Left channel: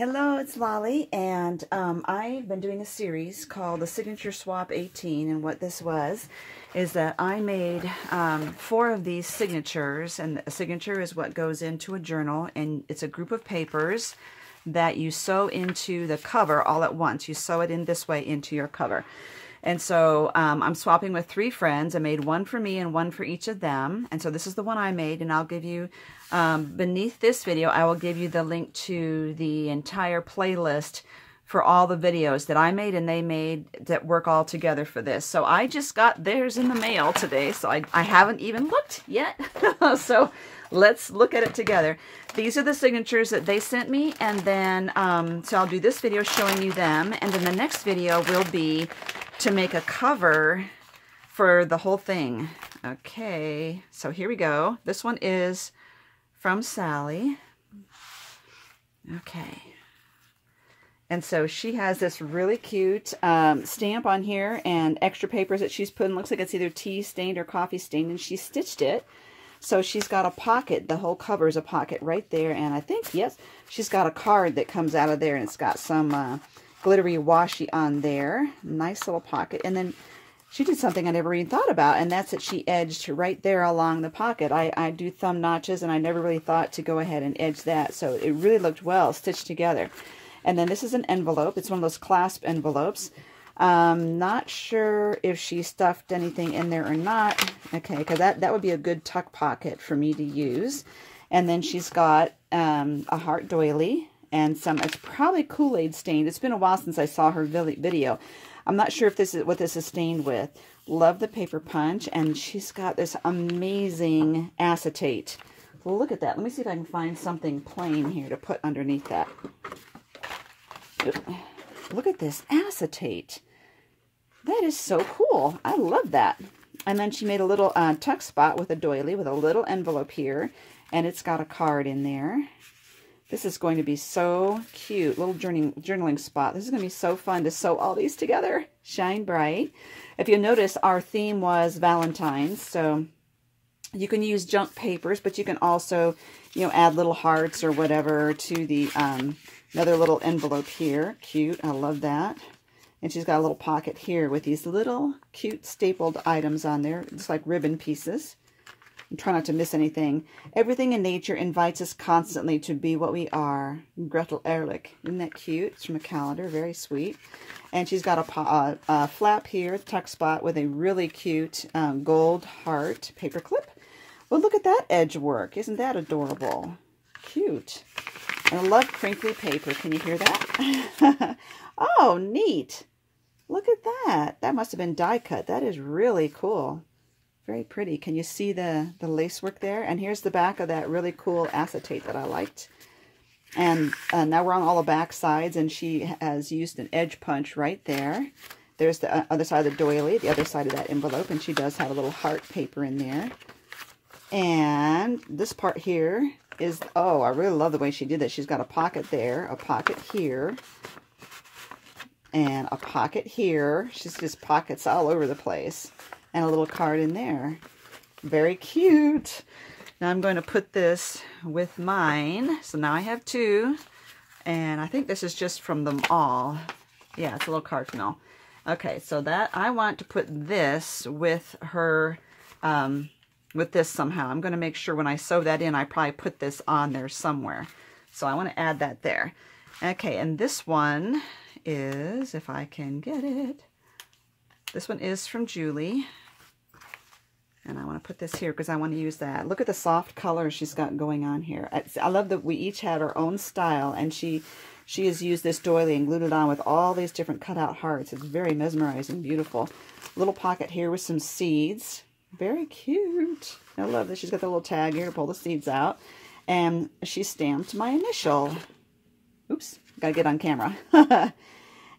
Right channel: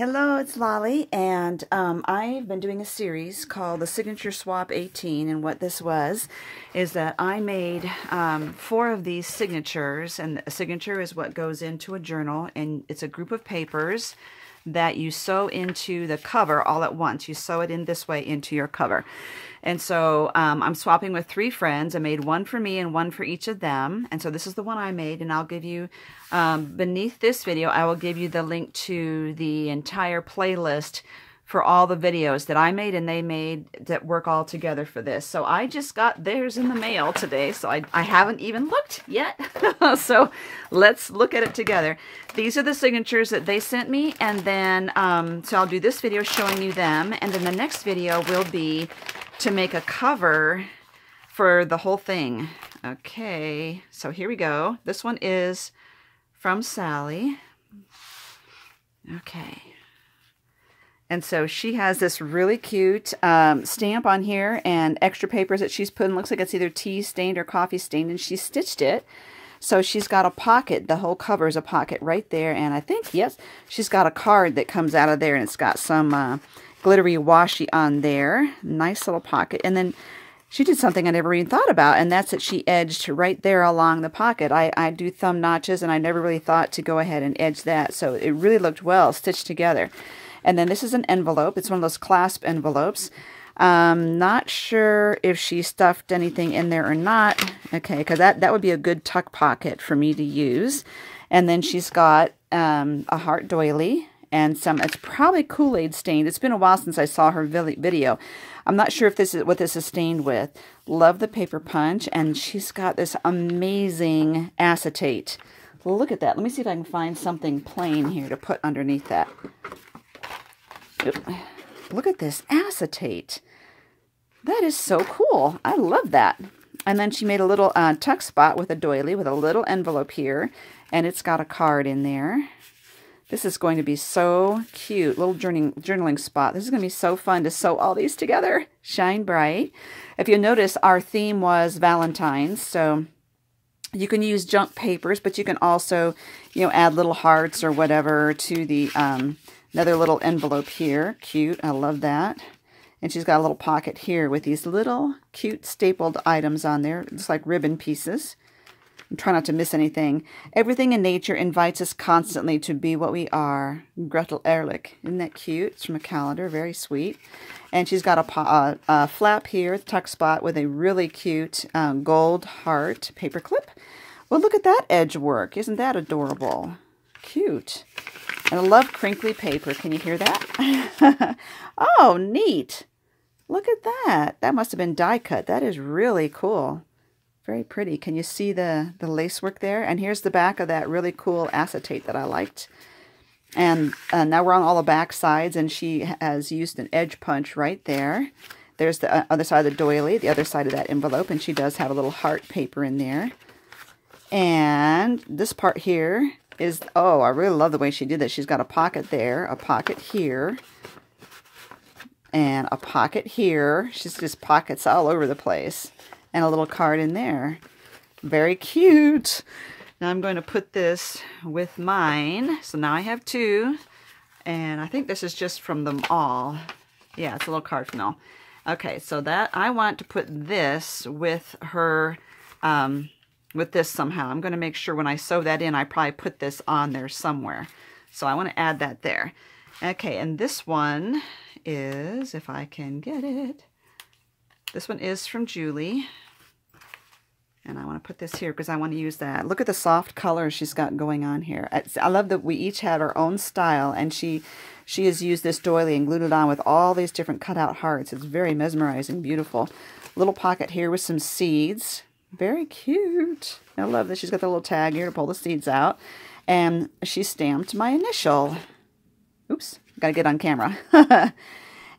Hello, it's Lolly, and I've been doing a series called the SignatureSwap18, and what this was is that I made 4 of these signatures, and a signature is what goes into a journal, and it's a group of papers that you sew into the cover all at once. You sew it in this way into your cover. And so I'm swapping with 3 friends. I made one for me and one for each of them. And so this is the one I made, and I'll give you, beneath this video, I will give you the link to the entire playlist for all the videos that I made and they made that work all together for this. So I just got theirs in the mail today, so I haven't even looked yet. So let's look at it together. These are the signatures that they sent me, and then, so I'll do this video showing you them, and then the next video will be to make a cover for the whole thing. Okay, so here we go. This one is from Sally. Okay. And so she has this really cute stamp on here and extra papers that she's put in. Looks like it's either tea stained or coffee stained, and she stitched it. So she's got a pocket. The whole cover is a pocket right there. And I think, yes, she's got a card that comes out of there, and it's got some glittery washi on there. Nice little pocket. And then she did something I never even thought about, and that's that she edged right there along the pocket. I do thumb notches, and I never really thought to go ahead and edge that. So it really looked well stitched together. And then this is an envelope. It's one of those clasp envelopes. Not sure if she stuffed anything in there or not. Okay, because that would be a good tuck pocket for me to use. And then she's got a heart doily and some, it's probably Kool-Aid stained. It's been a while since I saw her video. I'm not sure if this is what this is stained with. Love the paper punch, and she's got this amazing acetate. Look at that. Let me see if I can find something plain here to put underneath that. Look at this acetate. That is so cool. I love that. And then she made a little tuck spot with a doily with a little envelope here, and it's got a card in there. This is going to be so cute. Little journaling spot. This is going to be so fun to sew all these together. Shine bright. If you notice, our theme was Valentine's, so you can use junk papers, but you can also, you know, add little hearts or whatever to the another little envelope here. Cute. I love that. And she's got a little pocket here with these little cute stapled items on there. It's like ribbon pieces. And try not to miss anything. Everything in nature invites us constantly to be what we are. Gretel Ehrlich. Isn't that cute? It's from a calendar. Very sweet. And she's got a flap here, tuck spot, with a really cute gold heart paper clip. Well, look at that edge work. Isn't that adorable? Cute. I love crinkly paper. Can you hear that? Oh, neat. Look at that. That must have been die cut. That is really cool. Very pretty. Can you see the lace work there? And here's the back of that really cool acetate that I liked. And now we're on all the back sides, and she has used an edge punch right there. There's the other side of the doily, the other side of that envelope, and she does have a little heart paper in there. And this part here is, oh, I really love the way she did that. She's got a pocket there, a pocket here, and a pocket here. She's just pockets all over the place. And a little card in there. Very cute. Now I'm going to put this with mine. So now I have 2. And I think this is just from them all. Yeah, it's a little card from them all. Okay, so that I want to put this with her, with this somehow. I'm going to make sure when I sew that in, I probably put this on there somewhere. So I want to add that there. Okay, and this one is, if I can get it, this one is from Julie. And I want to put this here because I want to use that. Look at the soft colors she's got going on here. I love that we each had our own style, and she has used this doily and glued it on with all these different cutout hearts. It's very mesmerizing, beautiful. Little pocket here with some seeds. Very cute. I love that she's got the little tag here to pull the seeds out. And she stamped my initial. Oops, gotta get on camera.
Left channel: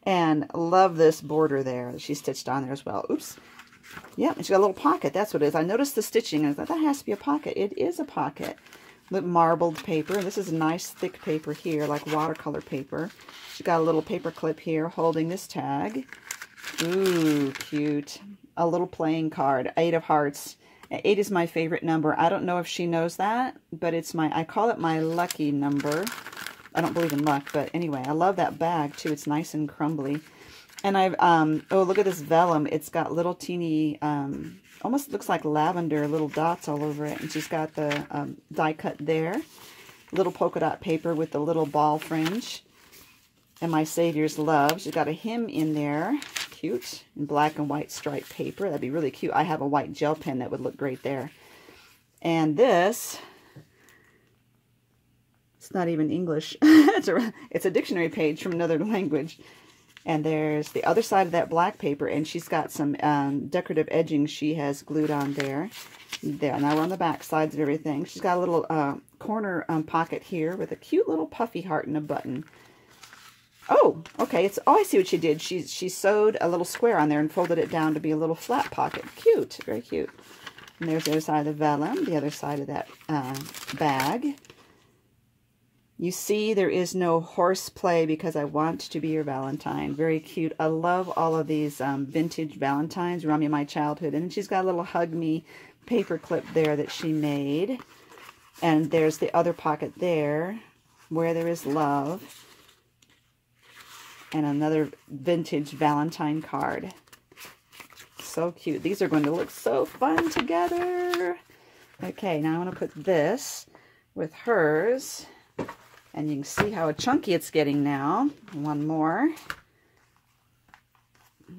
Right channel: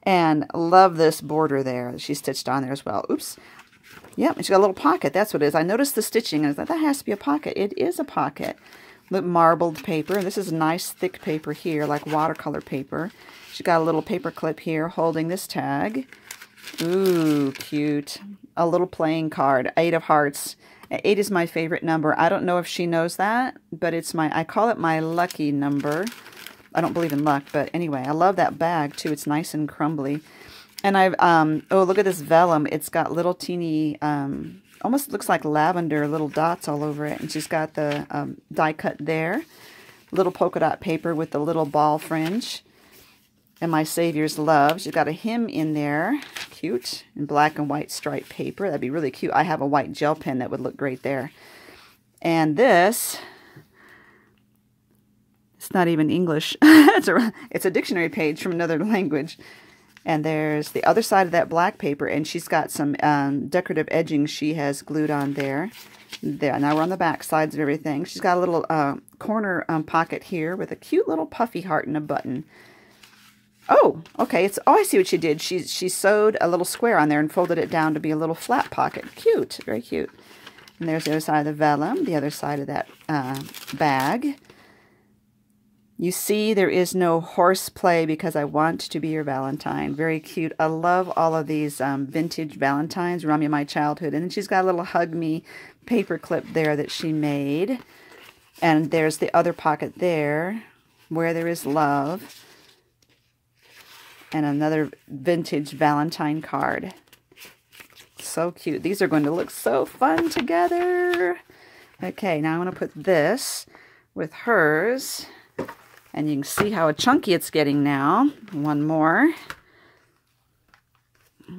And love this border there that she stitched on there as well. Oops. Yep, and she's got a little pocket. That's what it is. I noticed the stitching, and I thought, that has to be a pocket. It is a pocket. Look, marbled paper. This is nice, thick paper here, like watercolor paper. She's got a little paper clip here holding this tag. Ooh, cute. A little playing card. 8 of hearts. 8 is my favorite number. I don't know if she knows that, but it's my, I call it my lucky number. I don't believe in luck, but anyway, I love that bag too. It's nice and crumbly. And I've, oh, look at this vellum. It's got little teeny, almost looks like lavender, little dots all over it. And she's got the die cut there. Little polka dot paper with the little ball fringe. And My Savior's Love. She's got a hymn in there. Cute. In black and white striped paper. That'd be really cute. I have a white gel pen that would look great there. And this, it's not even English. It's a dictionary page from another language. And there's the other side of that black paper, and she's got some decorative edging she has glued on there. There, now we're on the back sides of everything. She's got a little corner pocket here with a cute little puffy heart and a button. Oh, okay. Oh, I see what she did. She sewed a little square on there and folded it down to be a little flat pocket. Cute, very cute. And there's the other side of the vellum, the other side of that bag. You see, there is no horseplay because I want to be your Valentine. Very cute. I love all of these vintage Valentines, remind me of my childhood. And then she's got a little Hug Me paper clip there that she made. And there's the other pocket there, Where There Is Love. And another vintage Valentine card. So cute. These are going to look so fun together. Okay, now I'm going to put this with hers. And you can see how chunky it's getting now. One more.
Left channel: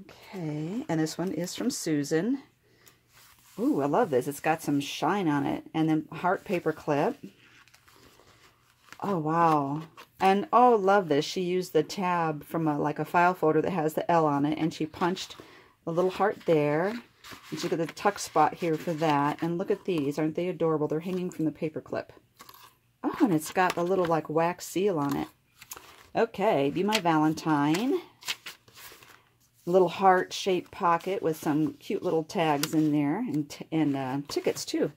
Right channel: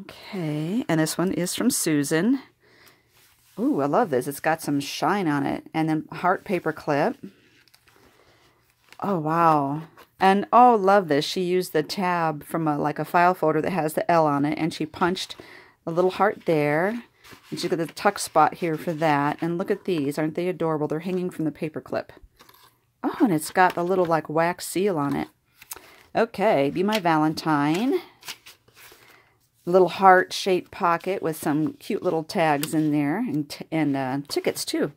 Okay, and this one is from Susan. Ooh, I love this. It's got some shine on it. And then heart paper clip. Oh, wow. And, oh, love this. She used the tab from like a file folder that has the L on it. And she punched a little heart there. And she got the tuck spot here for that. And look at these. Aren't they adorable? They're hanging from the paper clip. Oh, and it's got a little like wax seal on it. Okay, Be My Valentine. Little heart-shaped pocket with some cute little tags in there. And tickets, too.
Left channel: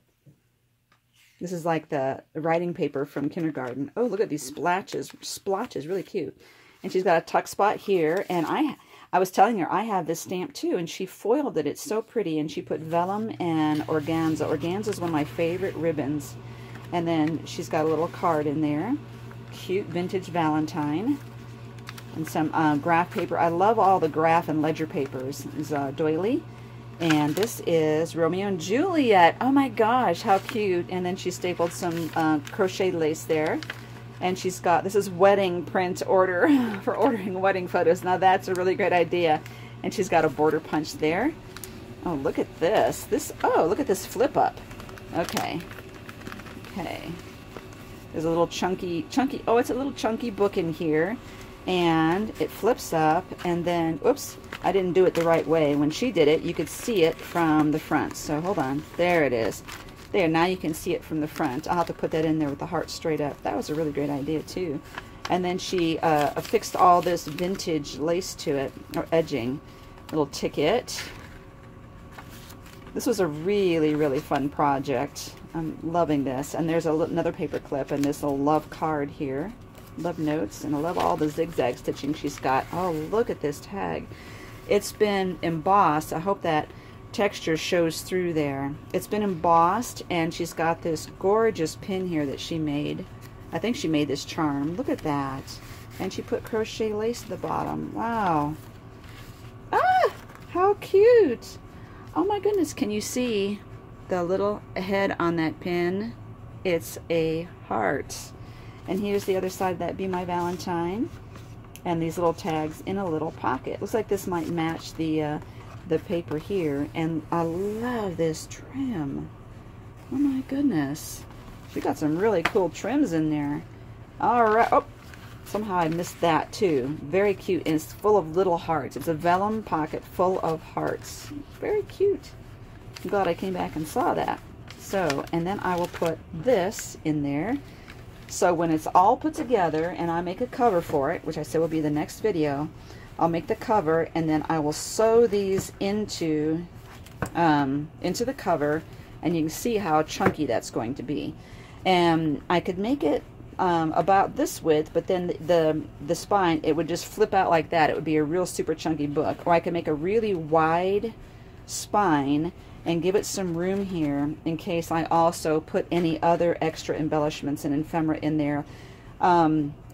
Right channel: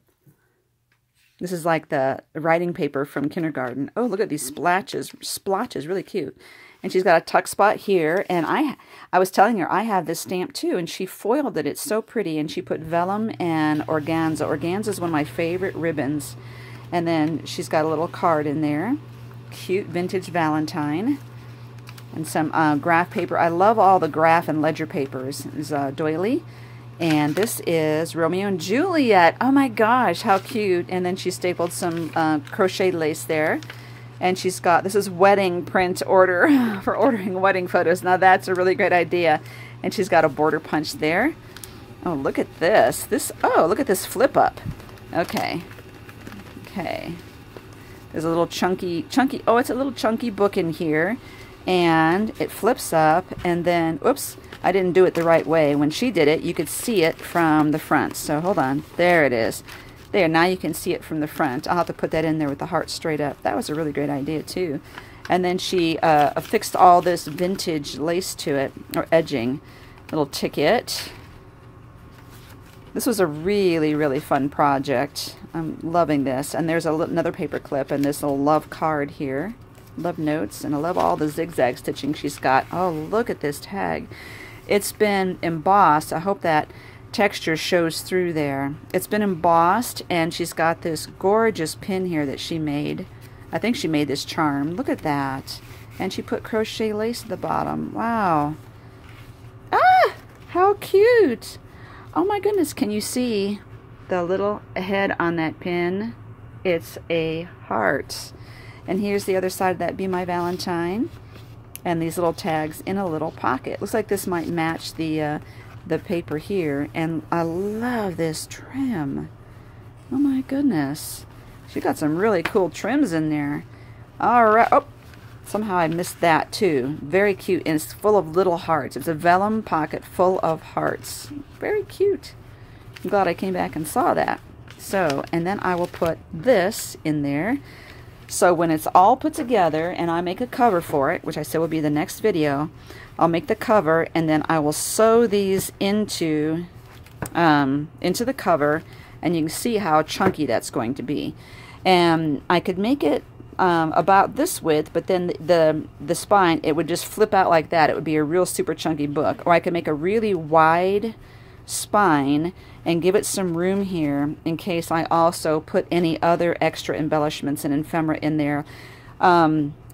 This is like the writing paper from kindergarten. Oh, look at these splotches, really cute. And she's got a tuck spot here. And I was telling her I have this stamp too, and she foiled it. It's so pretty. And she put vellum and organza. Organza is one of my favorite ribbons. And then she's got a little card in there. Cute vintage Valentine. And some graph paper. I love all the graph and ledger papers. This is doily. And this is Romeo and Juliet. Oh my gosh, how cute. And then she stapled some crochet lace there. And she's got, this is wedding print order for ordering wedding photos. Now that's a really great idea. And she's got a border punch there. Oh, look at this. Oh, look at this flip up. Okay. Okay. There's a little chunky, oh, it's a little chunky book in here. And it flips up, and then, oops, I didn't do it the right way. When she did it, you could see it from the front. So hold on. There it is. There, now you can see it from the front. I'll have to put that in there with the heart straight up. That was a really great idea, too. And then she affixed all this vintage lace to it, or edging. Little ticket. This was a really, really fun project. I'm loving this. And there's another paper clip and this little love card here. Love notes. And I love all the zigzag stitching she's got. Oh, look at this tag. It's been embossed. I hope that texture shows through there. It's been embossed, and she's got this gorgeous pin here that she made. I think she made this charm. Look at that. And she put crochet lace at the bottom. Wow. Ah! How cute! Oh my goodness, can you see the little head on that pin? It's a heart. And here's the other side of that Be My Valentine. And these little tags in a little pocket. Looks like this might match the paper here. And I love this trim. Oh my goodness. She got some really cool trims in there. Alright. Oh, somehow I missed that too. Very cute. And it's full of little hearts. It's a vellum pocket full of hearts. Very cute. I'm glad I came back and saw that. So, and then I will put this in there. So when it's all put together and I make a cover for it, which I said will be the next video, I'll make the cover and then I will sew these into the cover, and you can see how chunky that's going to be. And I could make it about this width, but then the spine, it would just flip out like that. It would be a real super chunky book. Or I could make a really wide spine and give it some room here in case I also put any other extra embellishments and ephemera in there.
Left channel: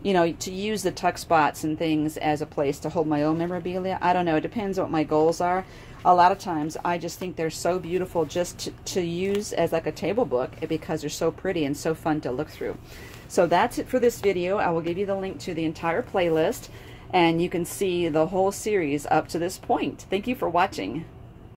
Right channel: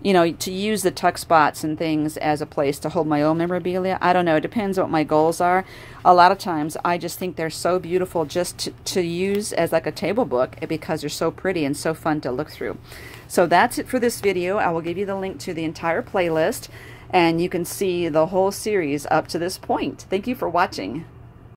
you know, to use the tuck spots and things as a place to hold my own memorabilia. I don't know. It depends what my goals are. A lot of times I just think they're so beautiful just to use as like a table book because they're so pretty and so fun to look through. So that's it for this video. I will give you the link to the entire playlist, and you can see the whole series up to this point. Thank you for watching.